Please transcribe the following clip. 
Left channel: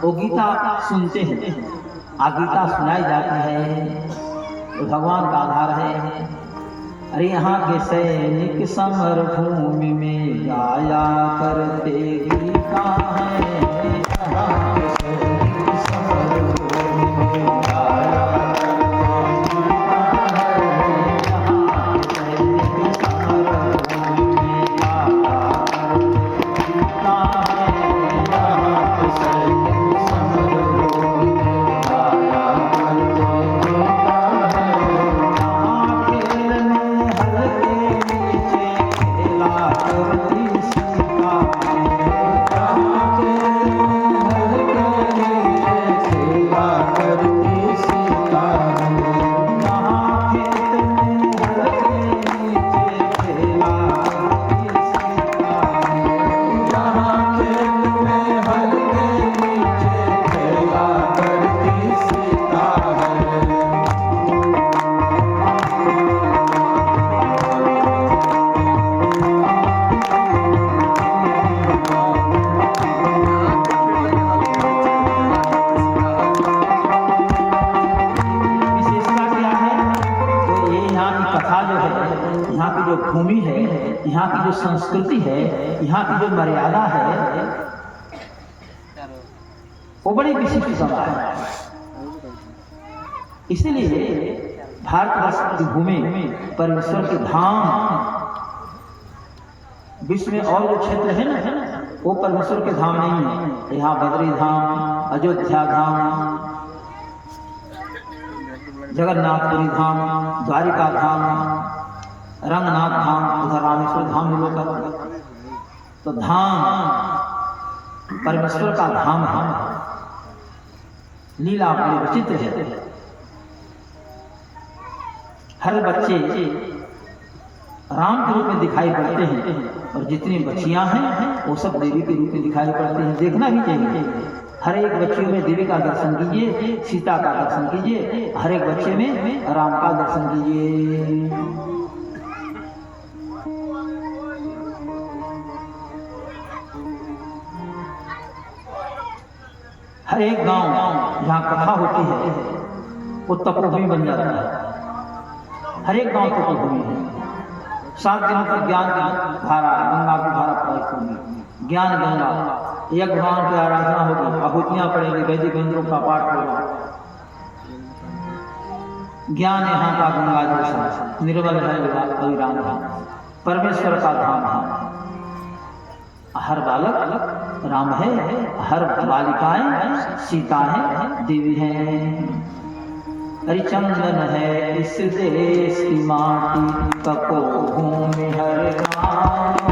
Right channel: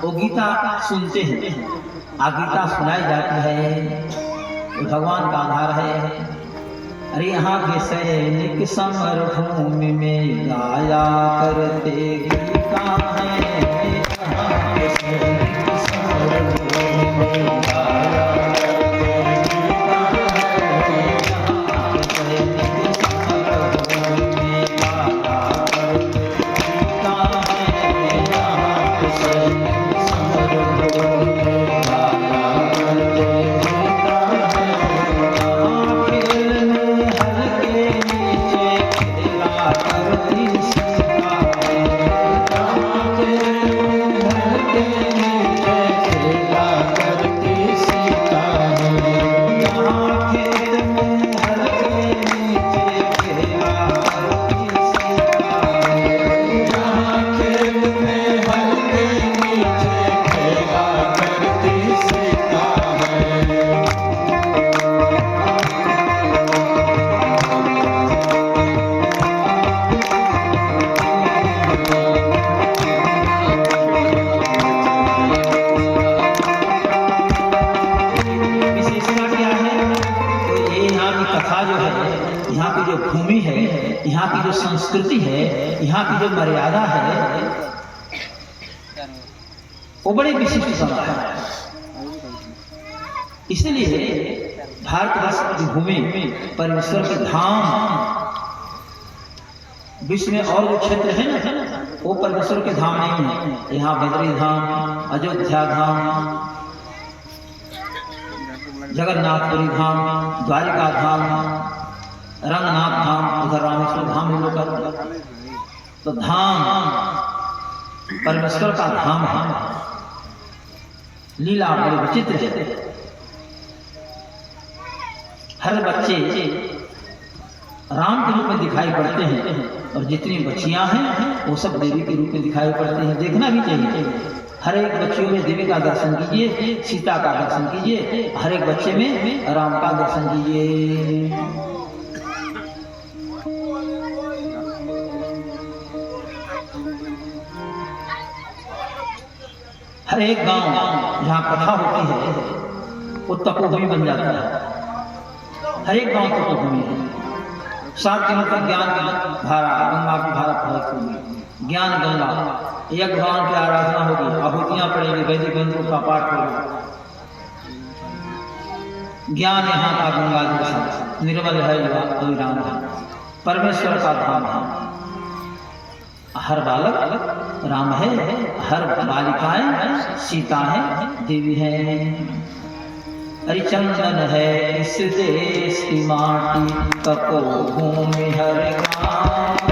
वो गीता सुनते हैं। गीता सुनाई जाती है, वो भगवान का आधार है। अरे यहाँ के सैनिक समर भूमि में गाया करते गीता है। यहाँ के सैनिक समर भूमि में गाया करते गीता है। यहाँ के सैनिक समर भूमि में गाया करते गीता है। यहाँ के सैनिक समर भूमि में गाया करते गीता भूमि है, यहाँ की जो संस्कृति है, यहाँ की जो मर्यादा है, वो बड़ी विशिष्ट बात है। इसलिए भारतवर्ष की भूमि परमेश्वर के धाम, विश्व में और जो क्षेत्र है ना, वो परमेश्वर के धाम नहीं है। यहाँ बद्री धाम, अयोध्या धाम, जगन्नाथपुरी धाम, द्वारिका धाम, रंगनाथ धाम, उधर रामेश्वर धाम लोग का। तो धाम परमेश्वर का धाम है। लीला बड़ी विचित्र है। हर बच्चे राम के रूप में दिखाई पड़ते हैं, और जितनी बच्चियां हैं वो सब देवी के रूप में दिखाई पड़ते हैं। देखना भी चाहिए। हर एक बच्चे में देवी का दर्शन कीजिए, सीता का दर्शन कीजिए, हर एक बच्चे में राम का दर्शन कीजिए। हर एक गांव जहाँ कथा होती है वो तपोभूमि बन जाता है। हर एक गांव तपोभूमि है। 7 दिनों की ज्ञान धारा, गंगा की धारा प्रवाहित होगी। ज्ञान गंगा, एक भगवान की आराधना होगी, आहुतियां पड़ेगी, वैदिक मंत्रों का पाठ होगा। ज्ञान यहाँ का गंगा जैसा निर्मल है, राम है, परमेश्वर का धाम है। हर बालक राम है, हर बालिकाएं सीता है, देवी है। हरिचंदन है इस देश की माटी, तपो भूमि हर गाँव।